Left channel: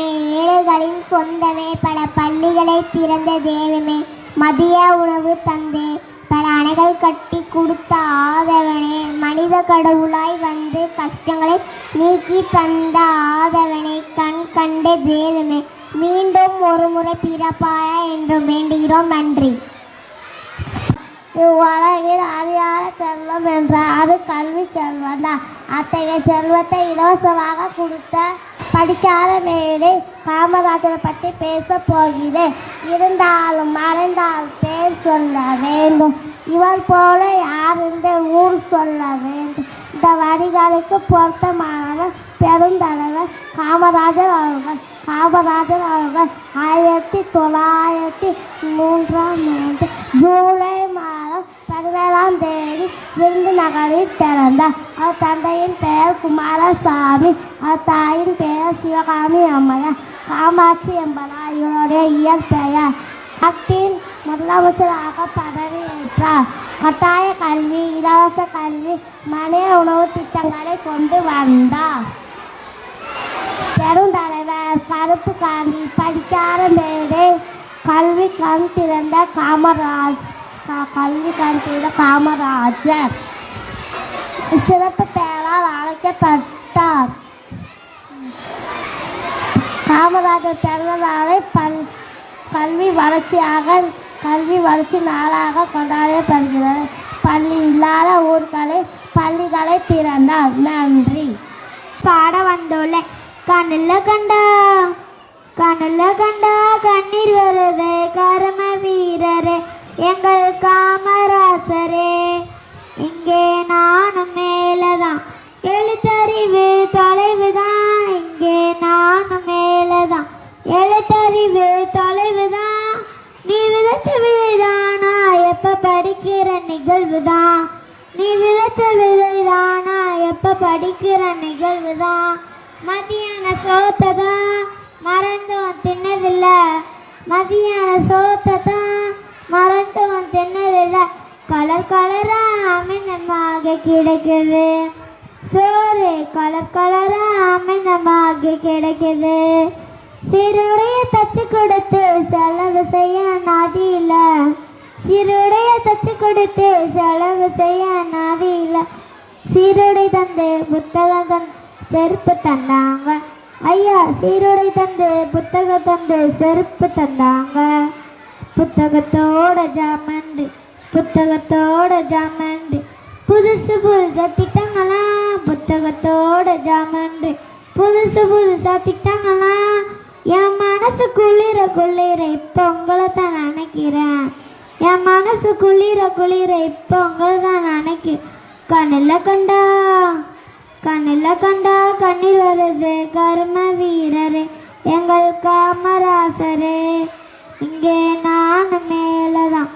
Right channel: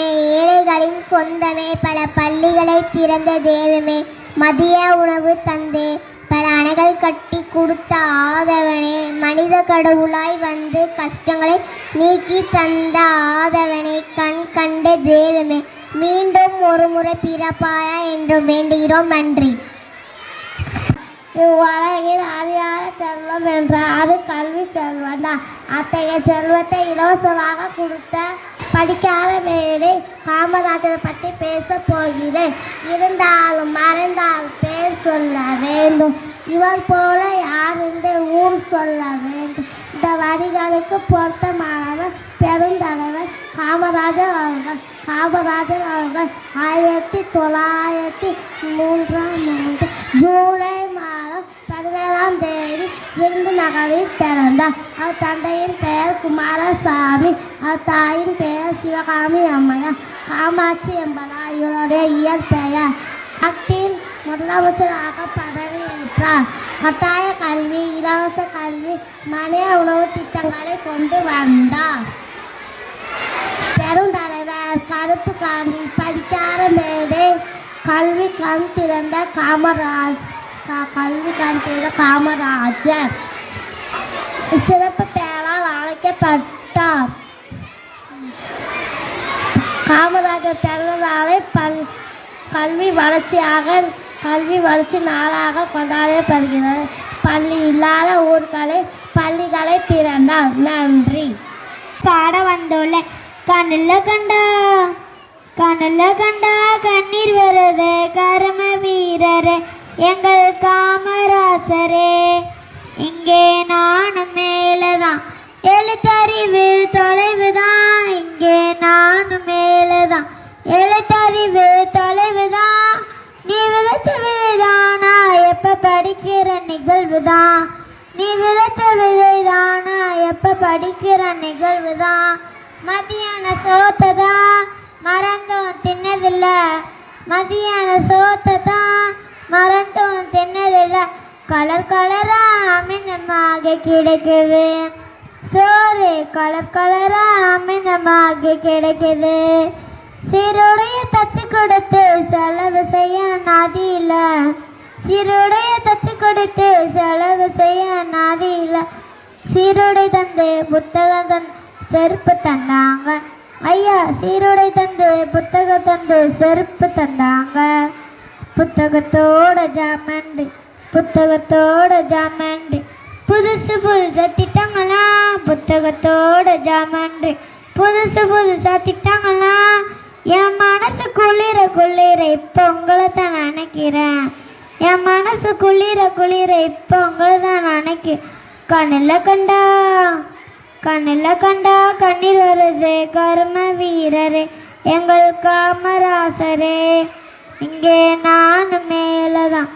செல்வமே, ஏழைகளின் சொந்தமே, பல பள்ளிகளை திறந்த தெய்வமே, மதிய உணவு தந்தே பல அணைகள் கட்டி கொடுத்த ஆதவனே, மனித கடவுளாய் வந்து கஷ்டங்களை நீக்கி தந்த ஆதவனே, கண் கண்ட தெய்வமே, மீண்டும் ஒரு முறை பிறப்பாயா என்று வேண்டுகிறோம். நன்றி. இவ்வுலகில் அறியாத செல்வம் என்றால் அது கல்வி செல்வம் தான். அத்தகைய செல்வத்தை இலவசமாக கொடுத்த படிக்காத மேலே காமராஜரை பற்றி பேச போகிறேன். இருந்தாலும் மறைந்தால் பேர் சொல்ல வேண்டும், இவர் போல யார் இந்த ஊர் சொல்ல வேண்டும். இந்த வரிகளுக்கு பொருத்தமானவர் பெருந்தலைவர் காமராஜர் அவர்கள். காமராஜர் அவர்கள் 1903 ஜூலை மாதம் 17ஆம் தேதி விருதுநகரில் பிறந்தார். அவர் தந்தையின் பெயர் குமாரசாமி, அவர் தாயின் பெயர் சிவகாமி அம்மையார். காமாட்சி என்பதால் இவருடைய இயற்பெயர். நாட்டின் முதலமைச்சராக பதவியேற்றார். கட்டாய கல்வி, இலவச கல்வி, மதிய உணவு திட்டங்களை கொண்டு வந்தார். பெருந்தலைவர் கருப்பு காந்தி, படிக்காத மேடை, கல்வி கண் திறந்த காமராஜர் சிறப்பு பெயரால் அழைக்கப்பட்டார். காமராஜர் பிறந்த நாளை கல்வி வளர்ச்சி நாளாக கொண்டாடப்படுகிறது. பள்ளி இல்லாத ஊர்களில் பள்ளிகளை திறந்தார். நன்றி. பாட வந்துள்ள கண்ணில் கண்டா கண்ணீர் வருது கர்ம வீரரே, எங்கள் காமராசரே, இங்கே நானும் மேலதான், எழுத்தறிவு தொலைவுதான், இங்கே நானும் மேலதான், எழுத்தறிவு தொலைவுதான், நீ விதைச்ச விதைதானா எப்ப படிக்கிற நிகழ்வுதான், நீ விதைச்ச விதைதானா எப்ப படிக்கிற நிகழ்வுதான், மதியான சோத்ததான் மறந்தோம் தின்னதில்ல, மதியான சோத்ததான் மறந்தோம் தின்னதில்ல, கலர் கலரா அமிர்தமாக கிடைக்குது சோறு, கலர் கலரா அமிர்தமாக கிடைக்குது, சீருடைய தச்சு கொடுத்து செலவு செய்ய நதியில, சீருடைய தச்சு கொடுத்து செலவு செய்ய நதியில, சீருடை தந்து புத்தகம் தந்து செருப்பு தந்தாங்க ஐயா, சீருடை தந்து புத்தகம் தந்து செருப்பு தந்தாங்க, புத்தகத்தோட ஜாமண்டி புதுசு புதுசா திட்டங்களாம், புத்தகத்தோட ஜாமண்டி புதுசா திட்டங்களாம், என் மனசு குளிர இப்போ உங்களை தான் நினைக்கிறேன், என் மனசு குளிர இப்போ உங்களை தான் நினைக்கிறேன், கண்ணில் கண்டா கண்ணீர் வருது கர்ம வீரரே, எங்கள் காமராசரே, இங்கே நான் மேலதான்,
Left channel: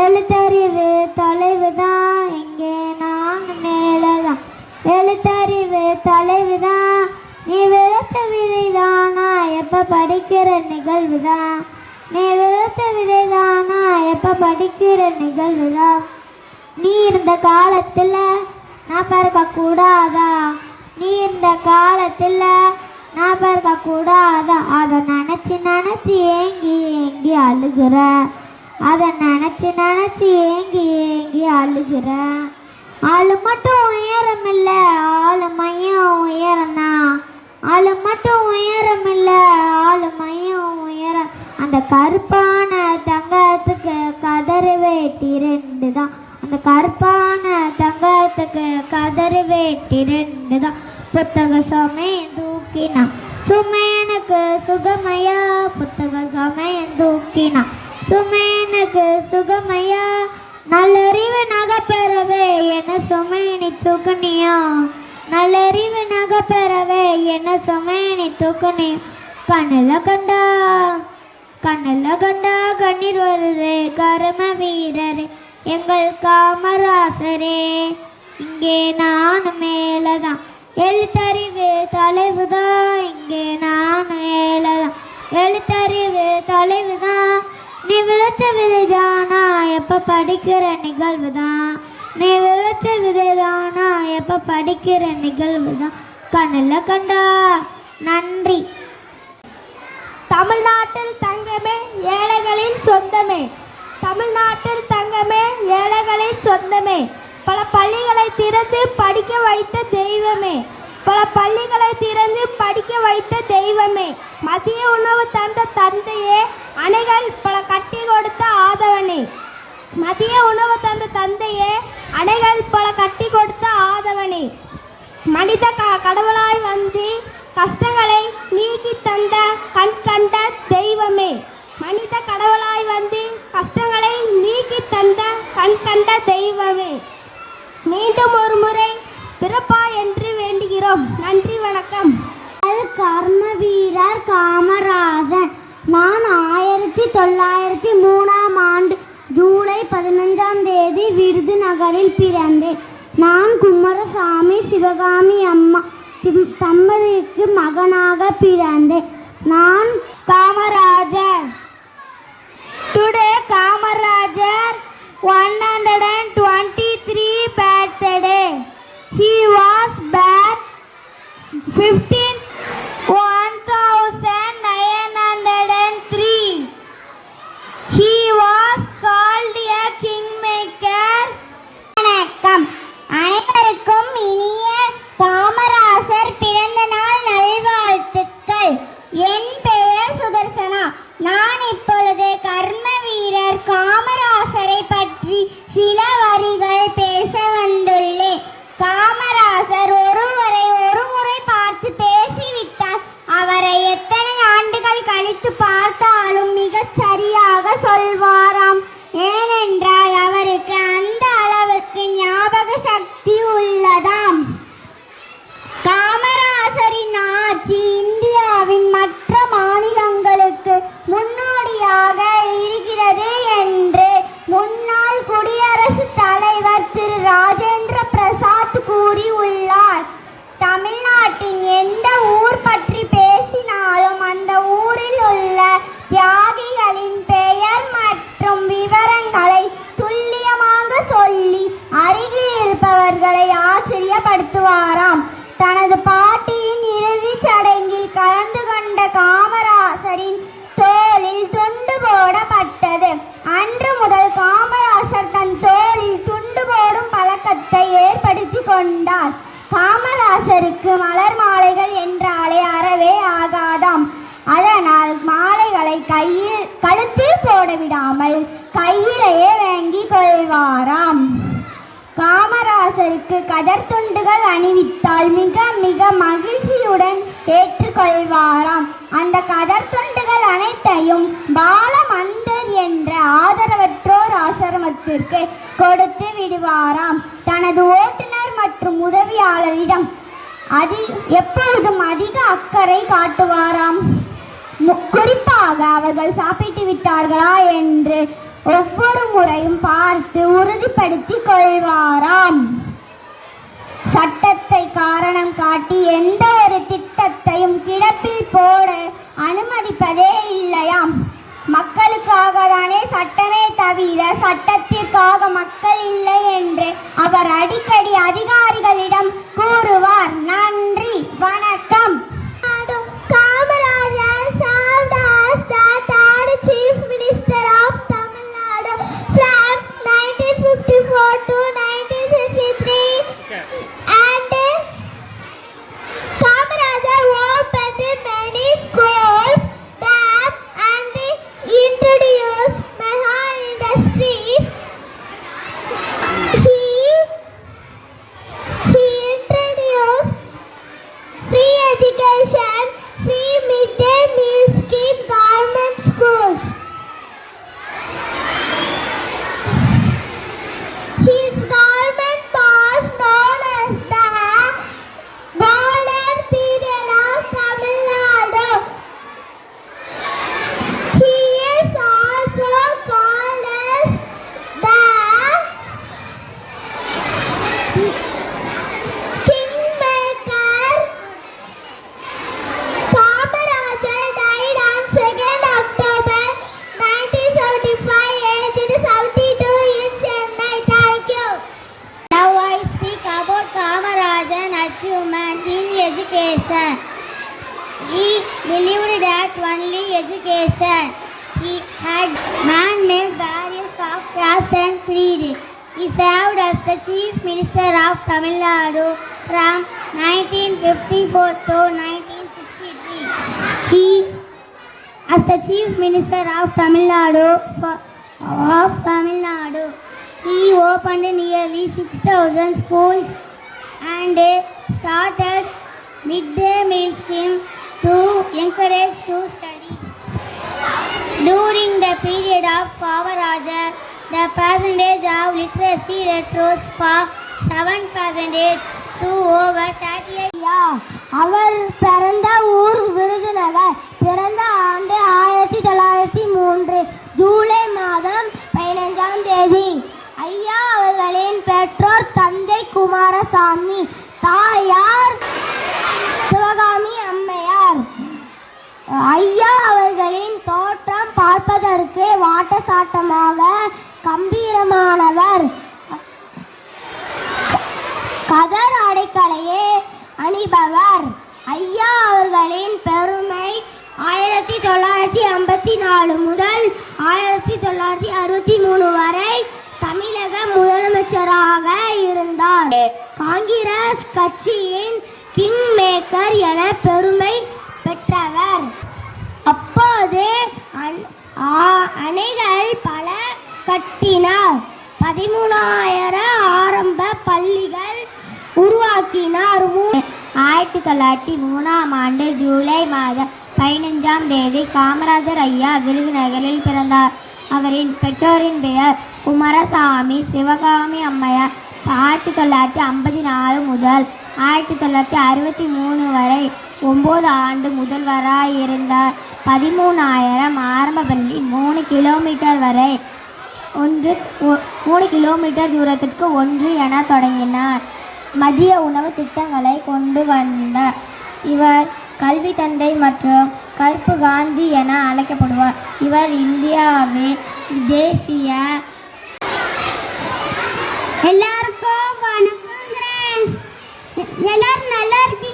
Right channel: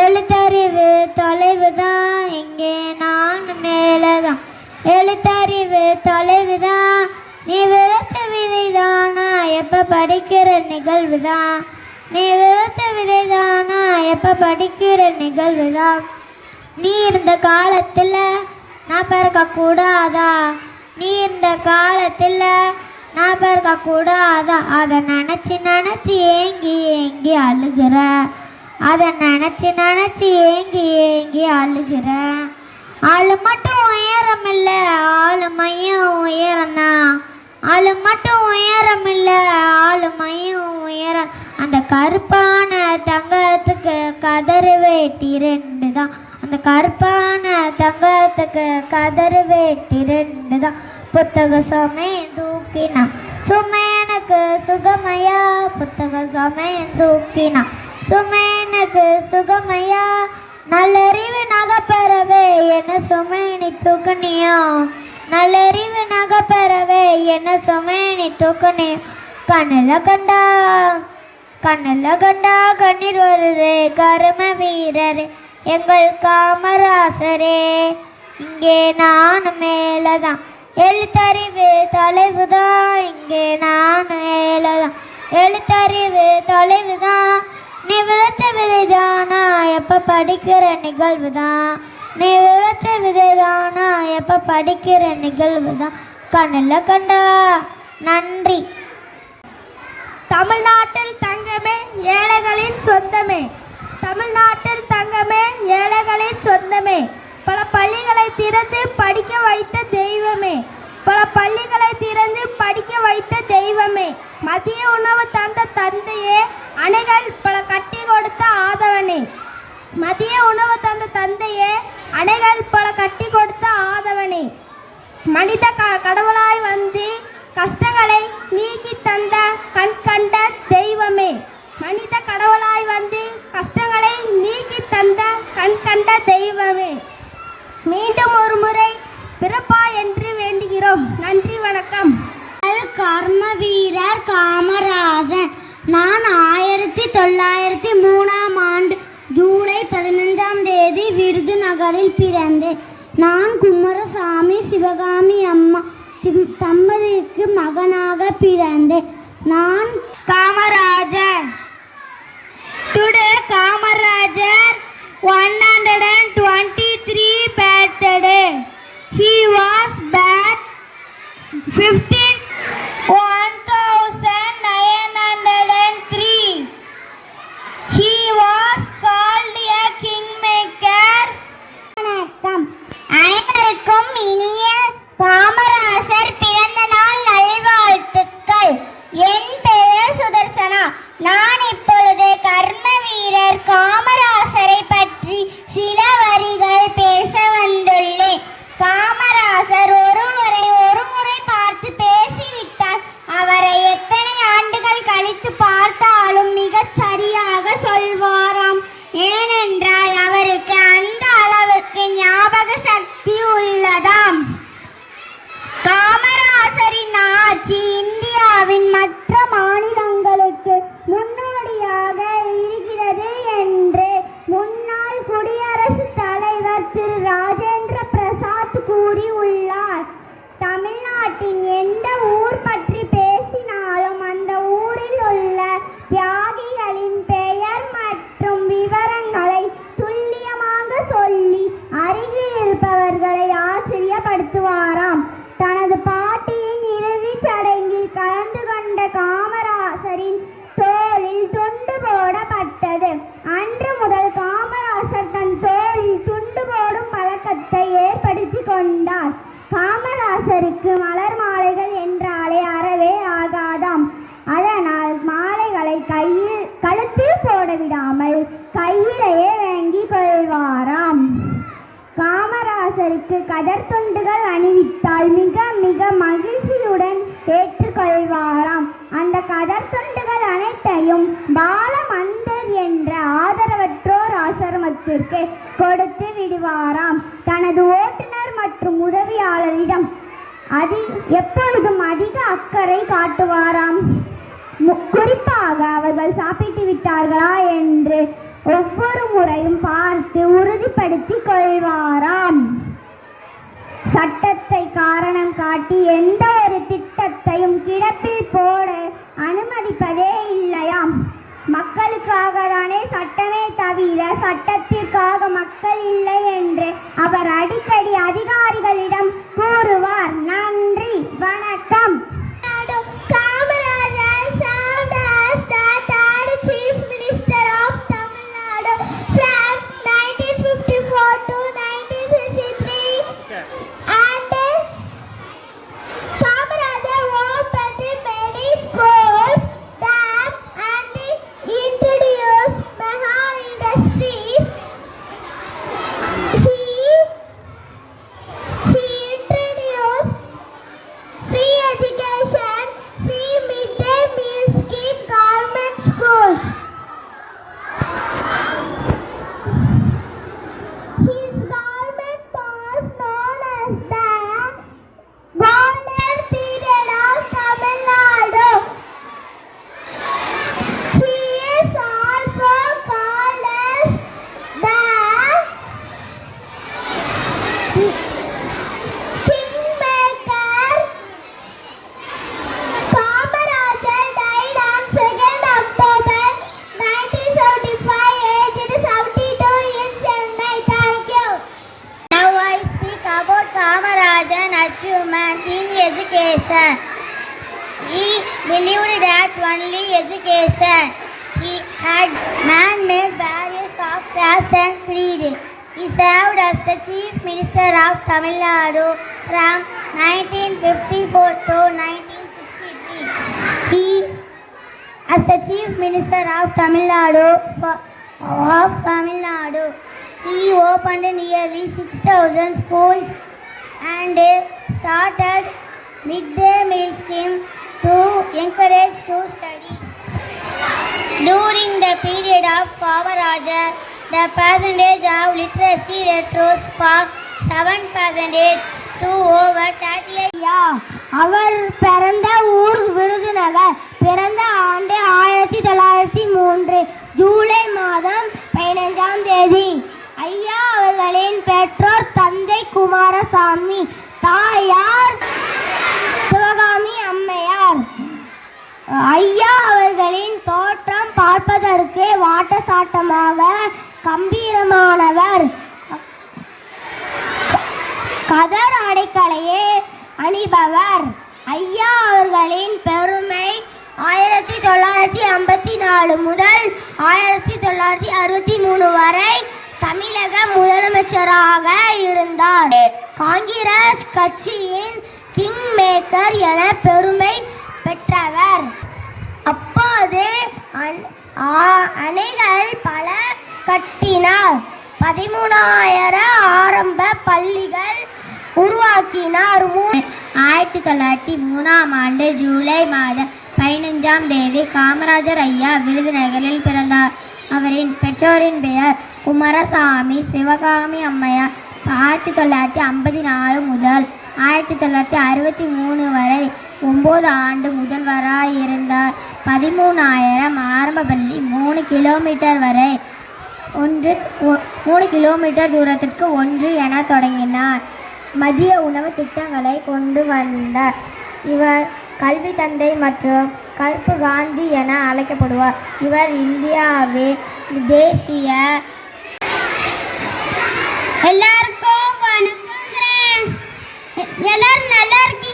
எழுத்தறிவு தொலைவுதான், இங்கே நான் மேலதான், எழுத்தறிவு தொலைவுதான், நீ விதைச்ச விதைதானா எப்ப படிக்கிற நிகழ்வுதான், நீ விதைச்ச விதைதானா எப்ப படிக்கிற நிகழ்வுதான், நீ இருந்த காலத்தில் நான் பிறக்க கூடாதா, நீ இருந்த காலத்தில் நான் பிறக்க கூடாதா, அதை நினச்சி ஏங்கி அழுகிற, அதை நினச்சி ஏங்கி அழுகிற, ஆளு மட்டும் உயரம் இல்லை ஆளுமையும் உயரம்தான், ஆளு மட்டும் உயரம் இல்லை ஆளுமையும் உயரம், அந்த கருப்பான தங்கத்துக்கு கதறு வேட்டி 2 தான், அந்த கருப்பான தங்கத்துக்கு கதறு வேட்டி 2 தான், புத்தக சமயம் தூக்கினா சுமேனுக்கு சுகமையா, புத்தக சமயம் தூக்கினா சுமேனுக்கு சுகமையா, நல்லறிவு நகப்பெறவே என்ன சுமேனி தூக்குனியோ, நல்லறிவு நகப்பெறவே என்ன சுமேனி தூக்குனியோ, கண்ணில் கண்டா கண்ணீர் வருது கர்ம வீரரே, எங்கள் காமராசரே, இங்கே நான் மேலதான், எழுத்தறிவு தொலைவுதான், இங்கே நான் மேலதான், எழுத்தறிவு தொலைவுதான், நீ விதைச்ச விதைதானா எப்ப படிக்கிற நிகழ்வுதான், நீ விதைச்ச விதைதானா எப்ப படிக்கிற நிகழ்வுதான், கண்ணில் கண்டா. நன்றி. தமிழ்நாட்டில் தங்கமே ஏழைகளின் சொந்தமே. தமிழ்நாட்டில் தங்கமே ஏழைகளின் சொந்தமே. பல பள்ளிகளை திறந்து படிக்க வைத்த தெய்வமே. பல பள்ளிகளை திறந்து படிக்க வைத்த தெய்வமே. மதிய உணவு தந்த தந்தையே, அணைகள் பல கட்டி கொடுத்த ஆதவனே. மதிய உணவு தந்த தந்தையே, அணைகள் பல கட்டி கொடுத்த ஆதவனே. மனித கடவுளாய் வந்து கஷ்டங்களை நீக்கி தந்த கண் கண்ட தெய்வமே. மனித கடவுளாய் வந்து கஷ்டங்களை நீக்கி தந்த கண் கண்ட தெய்வமே. மீண்டும் ஒரு முறை பிறப்பா என்று வேண்டுகிறோம். நன்றி, வணக்கம். கர்ம வீரர் காமராஜன். நான் 1903ஆம் ஆண்டு ஜூலை 15ஆம் தேதி விருதுநகரில் பிறந்தேன். நான் குமாரசாமி சிவகாமி அம்மா தம்பதிக்கு மகனாக பிறந்தேன். நான் Kamarajar. Today Kamarajar 123 birthday. He was born 1903. He was called a kingmaker. வணக்கம். அனைவருக்கும் இனிய காமராசர் பிறந்த நாள் நல்வாழ்த்துக்கள். என் பெயர் சுதர்சனா. நான் இப்பொழுது கர்ம வீரர் காமராசரை பற்றி சில வரிகள் பேச வந்துள்ளேன். காமராசர் ஒருவரை ஒரு முறை பார்த்து பேசிவிட்டால் அவரை எத்தனை ஆண்டுகள் கழித்து பார்த்தாலும் மிகச் சரியாக சொல்வாராம். ஏனென்றால் அவருக்கு அந்த அளவுக்கு ஞாபக சக்தி உள்ளதாம். காமராசரின் ஆட்சி இந்தியாவின் மற்ற மாநிலங்களுக்கு முன்னோடியாக இருக்கிறது என்று முன்னாள் குடியரசுத் தலைவர் திரு ராஜேந்திர பிரசாத் கூறியுள்ளார். தமிழ்நாட்டின் எந்த ஊர் பற்றி பேசினாலும் அந்த ஊரில் உள்ள தியாகிகளின் பெயர் மற்றும் விவரங்களை துல்லியமாக சொல்லி அருகில் இருப்பவர்களை ஆச்சரியப்படுத்துவாராம். தனது பாட்டியின் இறுதிச் சடங்கில் கலந்து கொண்ட காமராசரின் தோளில் துண்டு போடப்பட்டது. அன்று முதல் காமராசர் தன் தோளில் துண்டு போடும் பழக்கத்தை ஏற்படுத்தி கொண்டார். காமராசருக்கு மலர் மாலைகள் என்றாலே அறவே ஆகாதாம். அதனால் மாலைகளை கழுத்தில் போட விடாமல் கையிலேயே வாங்கி கொள்வாராம். காமராசருக்கு கதர் துண்டுகள் அணிவித்தால் மிக மிக மகிழ்ச்சியுடன் ஏற்றுக்கொள்வாராம். அந்த கதர் துண்டுகள் அனைத்தையும் பாலமந்தர் என்ற ஆதரவற்றோர் ஆசிரமத்திற்கு கொடுத்து விடுவாராம். தனது ஓட்டுநர் மற்றும் உதவியாளரிடம் எப்பொழுதும் அதிக அக்கறை காட்டுவாராம். குறிப்பாக அவர்கள் சாப்பிட்டு விட்டார்களா என்று ஒவ்வொரு முறையும் பார்த்து உறுதிப்படுத்திக் கொள்வாராம். சட்டத்தை காரணம் காட்டி எந்த ஒரு திட்டத்தையும் கிடப்பில் போட அனுமதிப்பதே இல்லையாம். மக்களுக்காக தானே சட்டமே தவிர சட்டத்திற்காக மக்கள் இல்லை என்று அவர் அடிக்கடி அதிகாரிகளிடம் கூறுவார். நன்றி, வணக்கம். Kamarajar served as the third chief minister of Tamil Nadu from 1954 to 1963 and Kamarajar opened many schools, dams and introduced mega industries. He introduced free education, free midday meal scheme, government schools. His government was known as the golden period of Tamil Nadu. He is also called as the Kingmaker. Kamarajar died on 2nd October 1975, aged 72 in Chennai. Thank you. Now I speak about Kamarajar's achievement in education. He believed that only education. He had man-made barriers of caste and creed. He served as the Chief Minister of Tamil Nadu from 1954 to 1963. As the Chief Minister of Tamil Nadu, he opened nearly 6,000 schools and started midday meal scheme to encourage to study. During the period of Kamarajar, the percentage of literacy rate rose from 7% to over 38%. அவர் பிறந்த ஊர் விருதுநகர். பிறந்த ஆண்டு 1903 ஜூலை மாதம் 15ஆம் தேதி. ஐயா அவர்களின் பெற்றோர் தந்தை குமாரசாமி, தாயார் சிவகாமி அம்மையார். ஐயா அவர்களின் தோற்றம் பார்ப்பதற்கு வாட்டசாட்டமாக கம்பீரமானவர். கதர் அடைக்கலையே அணிபவர். ஐயா அவர்களின் பெருமை 1954 முதல் 1963 வரை தமிழக முதலமைச்சராக இருந்தார். காங்கிரஸ் கட்சியின் கிங் மேக்கர் என பெருமை பெற்றவர். அப்போது அணைகள் பல கட்டினார். 13,000 ஆரம்ப பள்ளிகள் உருவாக்கினார். 1903ஆம் ஆண்டு ஜூலை மாதம் 15ஆம் தேதி காமராஜர் ஐயா விருதுநகரில் பிறந்தார். அவரின் பெற்றோரின் பெயர் குமாரசாமி, சிவகாமி அம்மையார். 1954 முதல் 1963 வரை 9 ஆண்டு முதல்வராய் இருந்தார். 13,000 ஆரம்ப பள்ளி 3 கிலோமீட்டர் வரை 3 கிலோமீட்டர் தூரத்திற்கு ஒன்று என தொடங்கினார். மதிய உணவு திட்டங்களை கொண்டு வந்தார். இவர் கல்வி தந்தை மற்றும் கருப்பு காந்தி என அழைக்கப்படுவார். இவர் இந்தியாவின் தேசிய எல்லாருக்கும் வணக்கங்கிறேன். எல்லாரும் நல்லா இருக்கீங்க.